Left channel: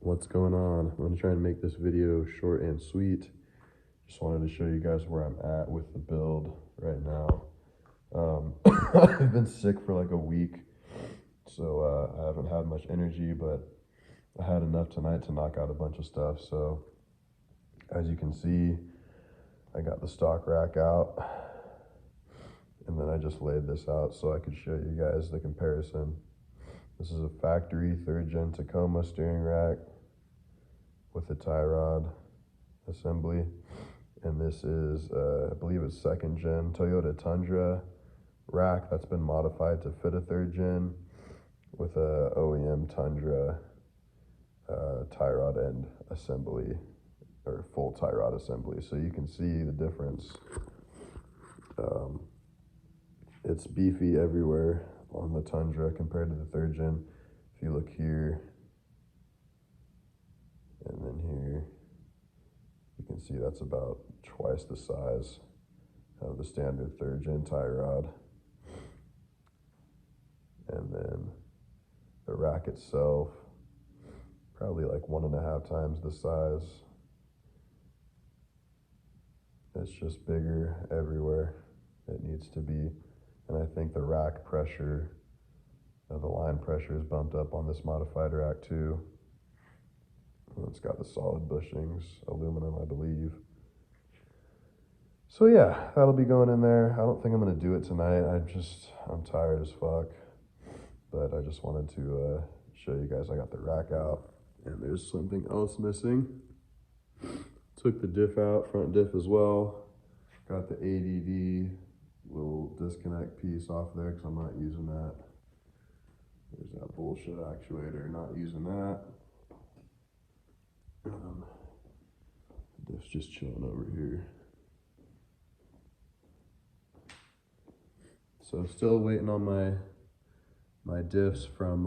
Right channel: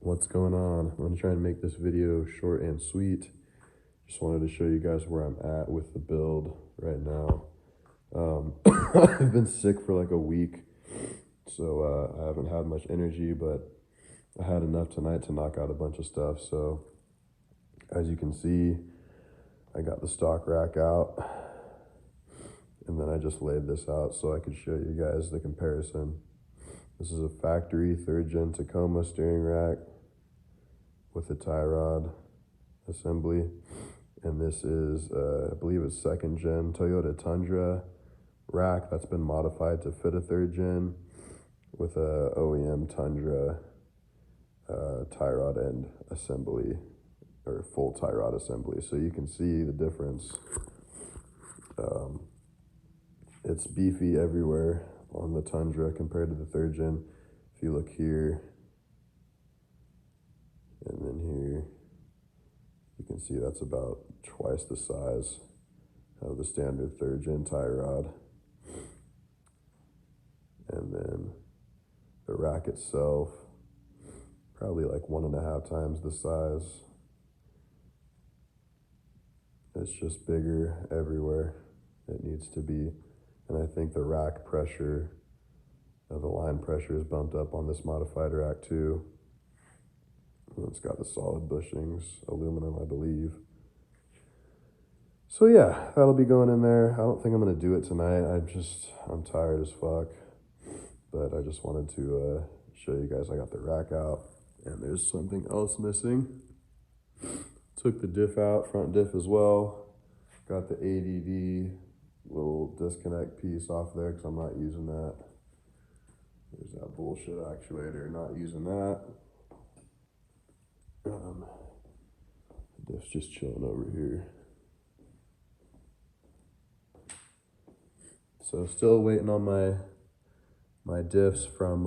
What's going on? I'm gonna try and make this video short and sweet. Just wanted to show you guys where I'm at with the build right now. I've been sick for like a week, so I haven't had much energy, but I had enough tonight to knock out a bunch of stuff. So as you can see, I got the stock rack out, and then I just laid this out so I could show you guys the comparison. This is a factory 3rd Gen Tacoma steering rack with a tie rod assembly. And this is, I believe it's 2nd Gen Toyota Tundra rack that's been modified to fit a 3rd Gen with a OEM Tundra tie rod end assembly, or full tie rod assembly. So you can see the difference. It's beefy everywhere on the Tundra compared to the 3rd Gen. If you look here and then here, you can see that's about twice the size of the standard 3rd Gen tie rod. And then the rack itself, probably like 1.5 times the size. It's just bigger everywhere it needs to be. And I think the rack pressure, the line pressure is bumped up on this modified rack too. It's got the solid bushings, aluminum, I believe. So yeah, that'll be going in there. I don't think I'm gonna do it tonight. I'm tired as fuck. But I just wanted to show you guys I got the rack out. And there's something else missing. Took the diff out, front diff as well. Got the ADD little disconnect piece off there because I'm not using that. There's that bullshit actuator, not using that. Diff's just chilling over here. So still waiting on my diffs from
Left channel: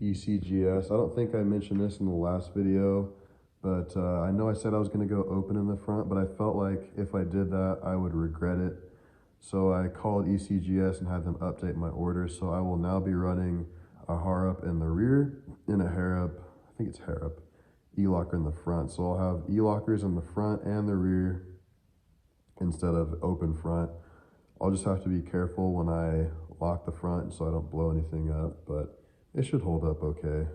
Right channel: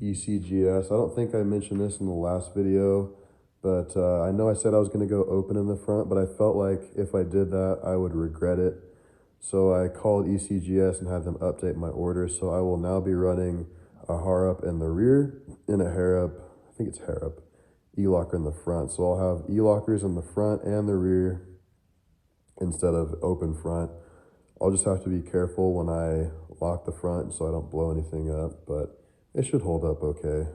ecgs. I don't think I mentioned this in the last video, but I know I said I was going to go open in the front, but I felt like if I did that, I would regret it. So I called ecgs and had them update my order. So I will now be running a Harrup in the rear and a Harrup, I think it's Harrup, E-locker in the front. So I'll have E-lockers in the front and the rear instead of open front. I'll just have to be careful when I lock the front so I don't blow anything up, but it should hold up okay.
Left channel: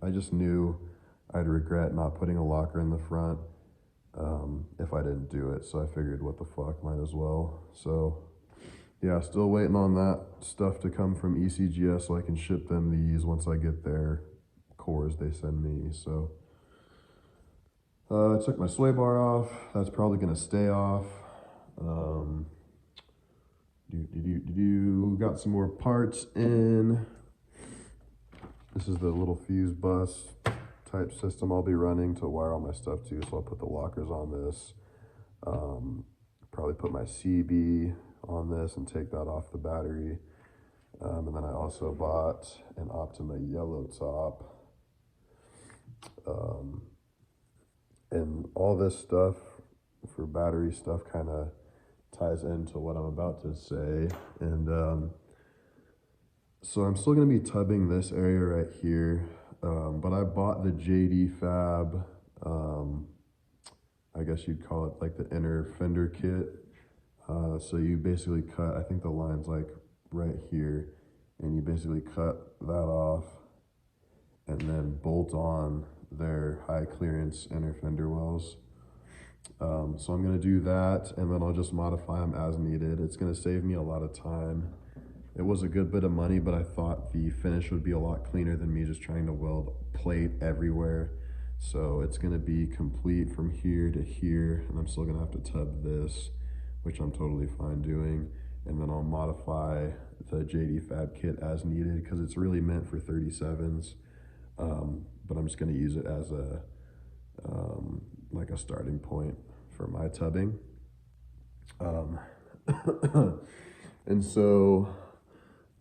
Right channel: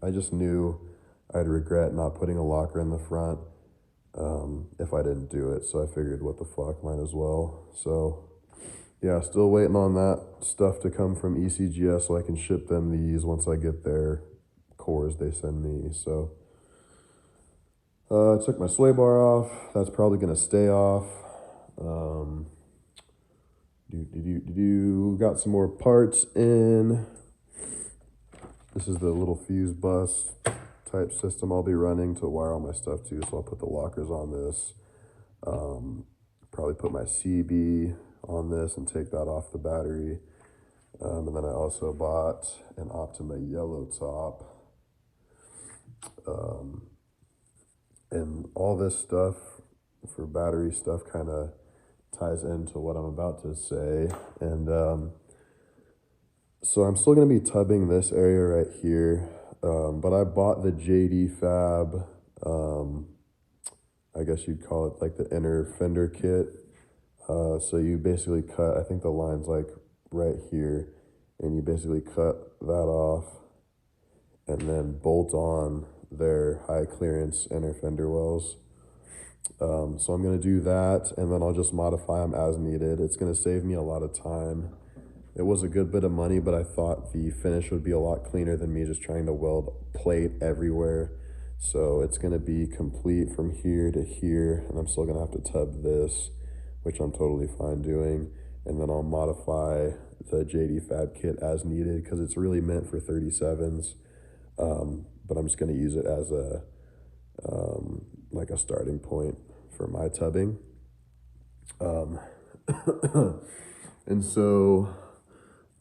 I just knew I'd regret not putting a locker in the front if I didn't do it, so I figured what the fuck, might as well. So yeah, still waiting on that stuff to come from ecgs so I can ship them these once I get their cores they send me. So I took my sway bar off. That's probably gonna stay off. Got some more parts in. This is the little fuse bus type system I'll be running to wire all my stuff to. So I'll put the lockers on this. Probably put my CB on this and take that off the battery. And then I also bought an Optima yellow top. And all this stuff for battery stuff kind of ties into what I'm about to say. And so I'm still going to be tubbing this area right here, but I bought the JD Fab, I guess you'd call it like the inner fender kit. So you basically cut, I think the line's like right here, and you basically cut that off and then bolt on their high clearance inner fender wells. So I'm going to do that, and then I'll just modify them as needed. It's going to save me a lot of time. It was a good bit of money, but I thought the finish would be a lot cleaner than me just trying to weld plate everywhere. So it's going to be complete from here to here, and I'm still going to have to tub this, which I'm totally fine doing. And then I'll modify the JD Fab kit as needed because it's really meant for 37s. But I'm just going to use it as a like a starting point for my tubbing. And so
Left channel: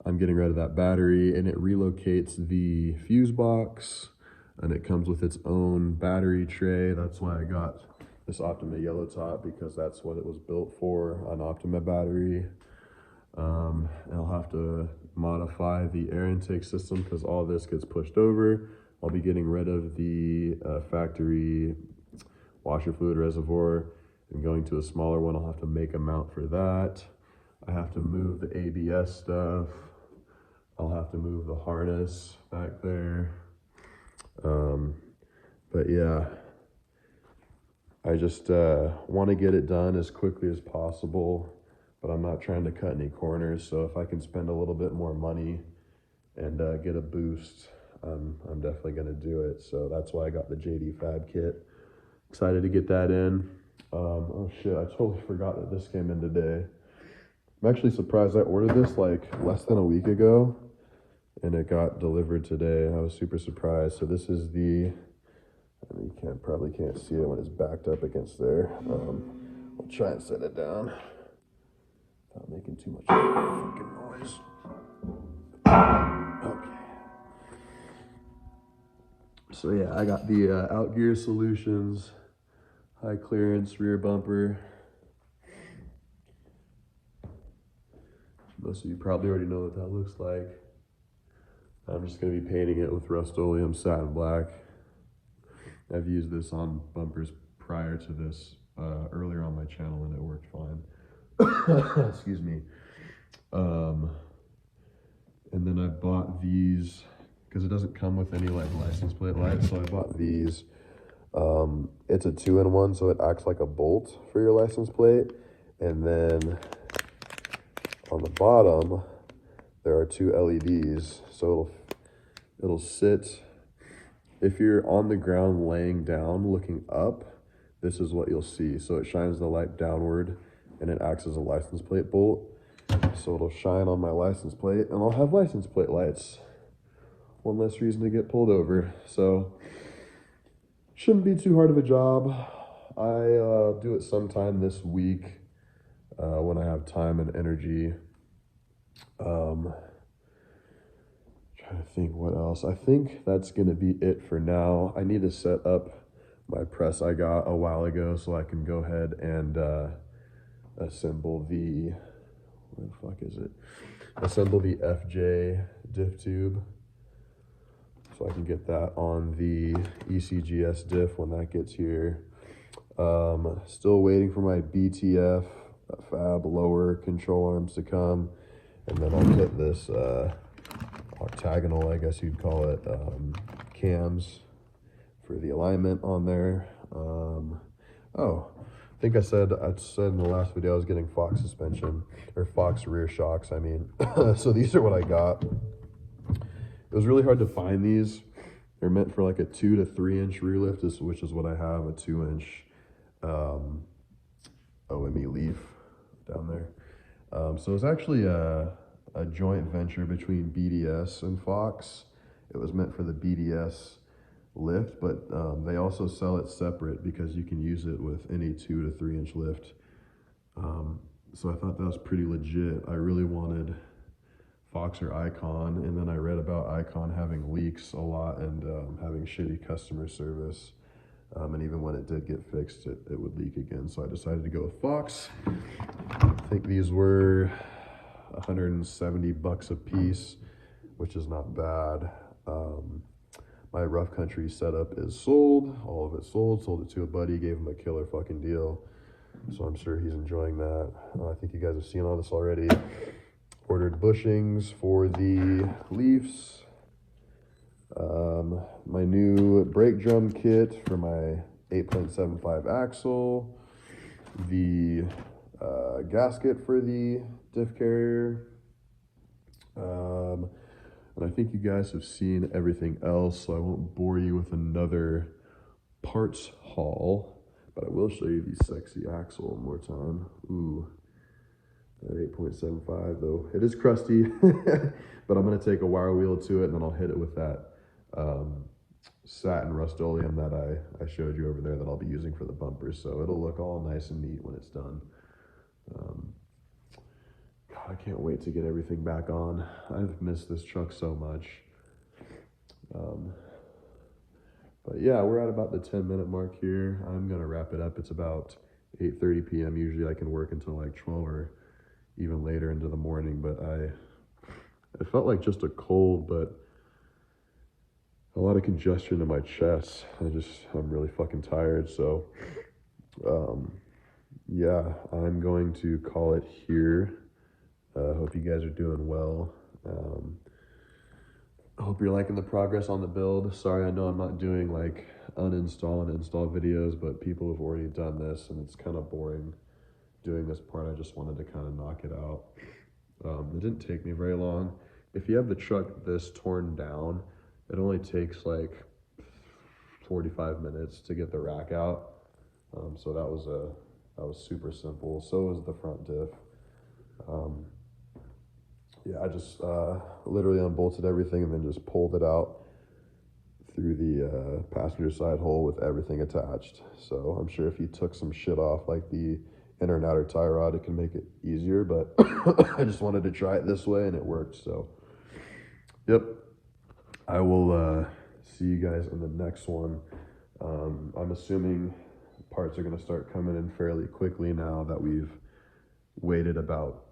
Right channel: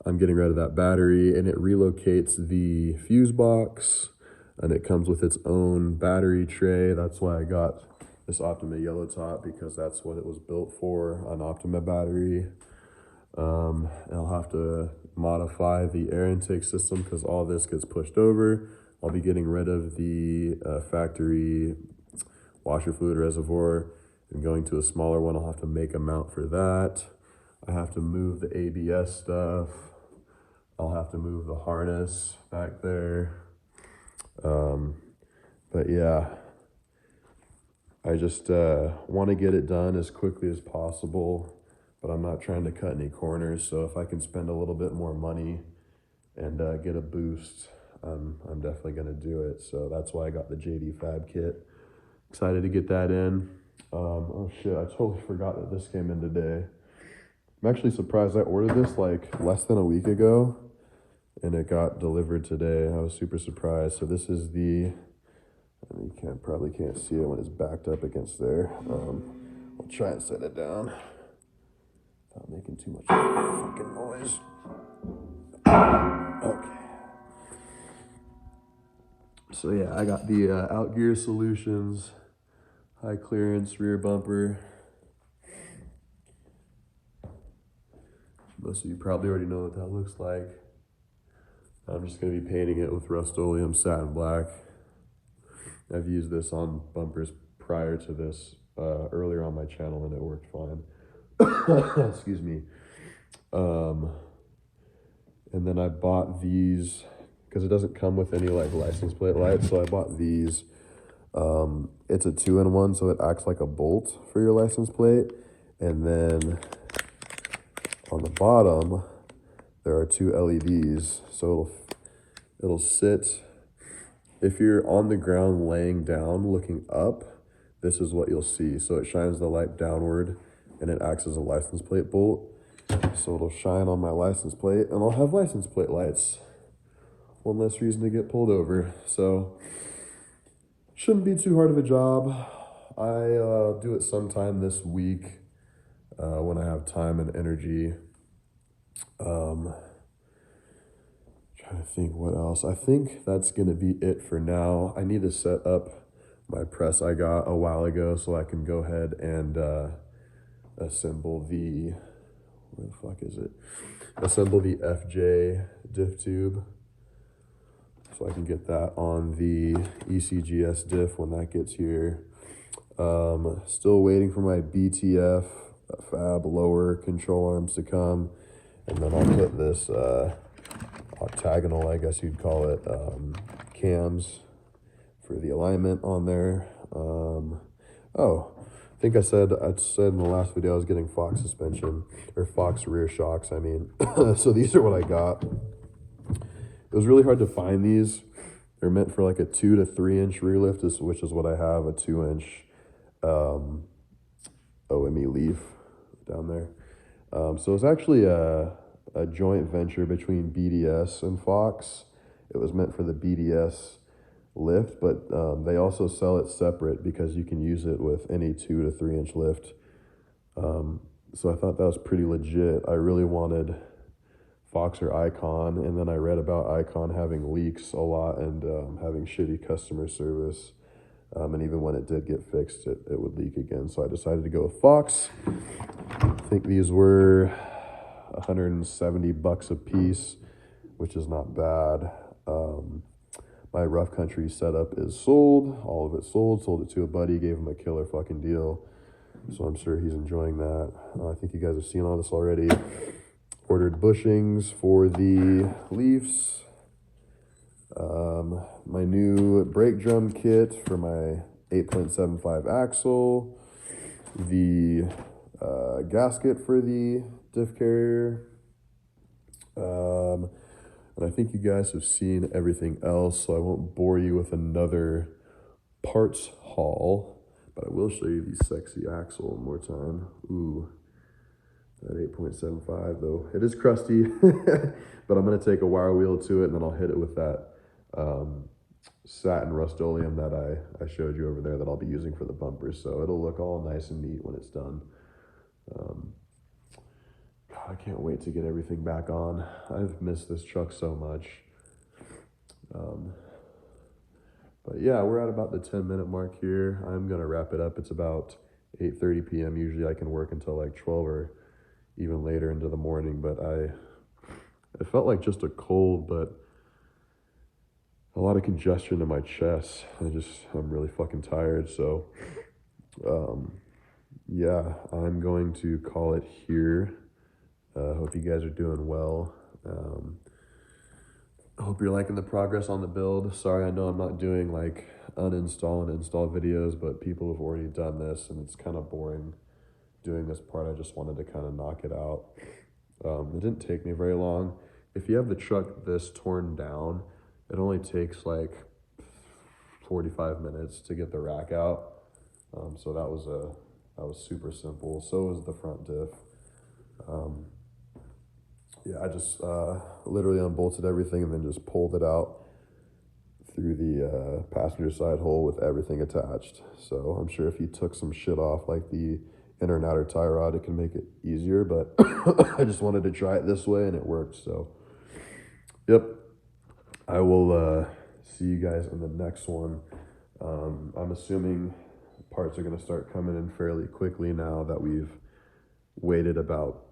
I'm getting rid of that battery, and it relocates the fuse box, and it comes with its own battery tray. That's why I got this Optima yellow top, because that's what it was built for, an Optima battery. And I'll have to modify the air intake system because all this gets pushed over. I'll be getting rid of the factory washer fluid reservoir and going to a smaller one. I'll have to make a mount for that. I have to move the ABS stuff. I'll have to move the harness back there. But yeah, I just want to get it done as quickly as possible, but I'm not trying to cut any corners. So if I can spend a little bit more money and get a boost, I'm definitely going to do it. So that's why I got the JD Fab kit. Excited to get that in. Oh shit, I totally forgot that this came in today. I'm actually surprised. I ordered this like less than a week ago and it got delivered today. I was super surprised. So this is the, you probably can't see it when it's backed up against there. I'll try and set it down without making too much fucking noise. Okay. So yeah, I got the Outgear Solutions high clearance rear bumper. Most of you probably already know what that looks like. I'm just going to be painting it with Rust-Oleum satin black. I've used this on bumpers prior to this, earlier on my channel, and it worked fine. Excuse me. And then I bought these because it doesn't come with any like license plate lights, so I bought these. It's a 2-in-1, so it acts like a bolt for your license plate. And then on the bottom, there are 2 LEDs, so it'll sit. If you're on the ground laying down looking up, this is what you'll see. So it shines the light downward and it acts as a license plate bolt. So it'll shine on my license plate and I'll have license plate lights. One less reason to get pulled over. So shouldn't be too hard of a job. I do it sometime this week when I have time and energy. Trying to think what else. I think that's gonna be it for now. I need to set up my press I got a while ago so I can go ahead and assemble the, where the fuck is it? Assemble the FJ diff tube. So I can get that on the ecgs diff when that gets here. Still waiting for my BTF fab lower control arms to come. And then I'll hit this octagonal, I guess you'd call it, cams for the alignment on there. Oh, I think I said in the last video I was getting Fox suspension, or Fox rear shocks, I mean. So these are what I got. It was really hard to find these. They're meant for like a 2 to 3 inch rear lift, which is what I have, a 2-inch OME leaf down there. So it's actually a joint venture between BDS and Fox. It was meant for the BDS lift, but they also sell it separate because you can use it with any 2 to 3 inch lift. So I thought that was pretty legit. I really wanted Fox or Icon, and then I read about Icon having leaks a lot and having shitty customer service. And even when it did get fixed, it would leak again. So I decided to go with Fox. I think these were 170 bucks a piece, which is not bad. My rough country setup is sold, all of it sold it to a buddy, gave him a killer fucking deal. So I'm sure he's enjoying that. I think you guys have seen all this already. Ordered bushings for the leafs. My new brake drum kit for my 8.75 axle. The gasket for the diff carrier. And I think you guys have seen everything else, so I won't bore you with another parts haul, but I will show you the sexy axle one more time. Ooh, that 8.75 though. It is crusty, but I'm gonna take a wire wheel to it and then I'll hit it with that satin Rust-Oleum that I showed you over there that I'll be using for the bumpers. So it'll look all nice and neat when it's done. God, I can't wait to get everything back on. I've missed this truck so much. But yeah, we're at about the 10-minute mark here. I'm gonna wrap it up. It's about 8:30 p.m. Usually I can work until like 12 or even later into the morning, but it felt like just a cold, but a lot of congestion in my chest. I'm really fucking tired. So, yeah, I'm going to call it here. Hope you guys are doing well. I hope you're liking the progress on the build. Sorry, I know I'm not doing like uninstall and install videos, but people have already done this and it's kind of boring doing this part. I just wanted to kind of knock it out. It didn't take me very long. If you have the truck this torn down, it only takes like 45 minutes to get the rack out. So that was super simple. So was the front diff. Yeah, I just literally unbolted everything and then just pulled it out through the passenger side hole with everything attached. So I'm sure if you took some shit off like the inner and outer tie rod, it can make it easier, but I just wanted to try it this way and it worked. So yep, I will see you guys in the next one. I'm assuming parts are going to start coming in fairly quickly now that we've waited about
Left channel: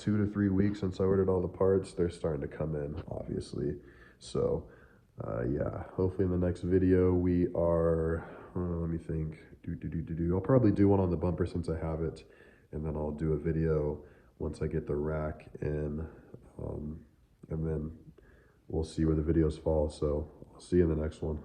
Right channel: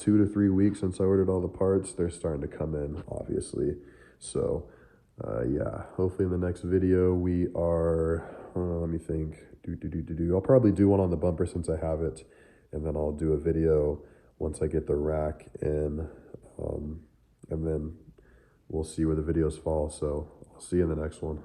2 to 3 weeks since I ordered all the parts. They're starting to come in, obviously. So yeah, hopefully in the next video we are, let me think, I'll probably do one on the bumper since I have it, and then I'll do a video once I get the rack in, and then we'll see where the videos fall. So I'll see you in the next one.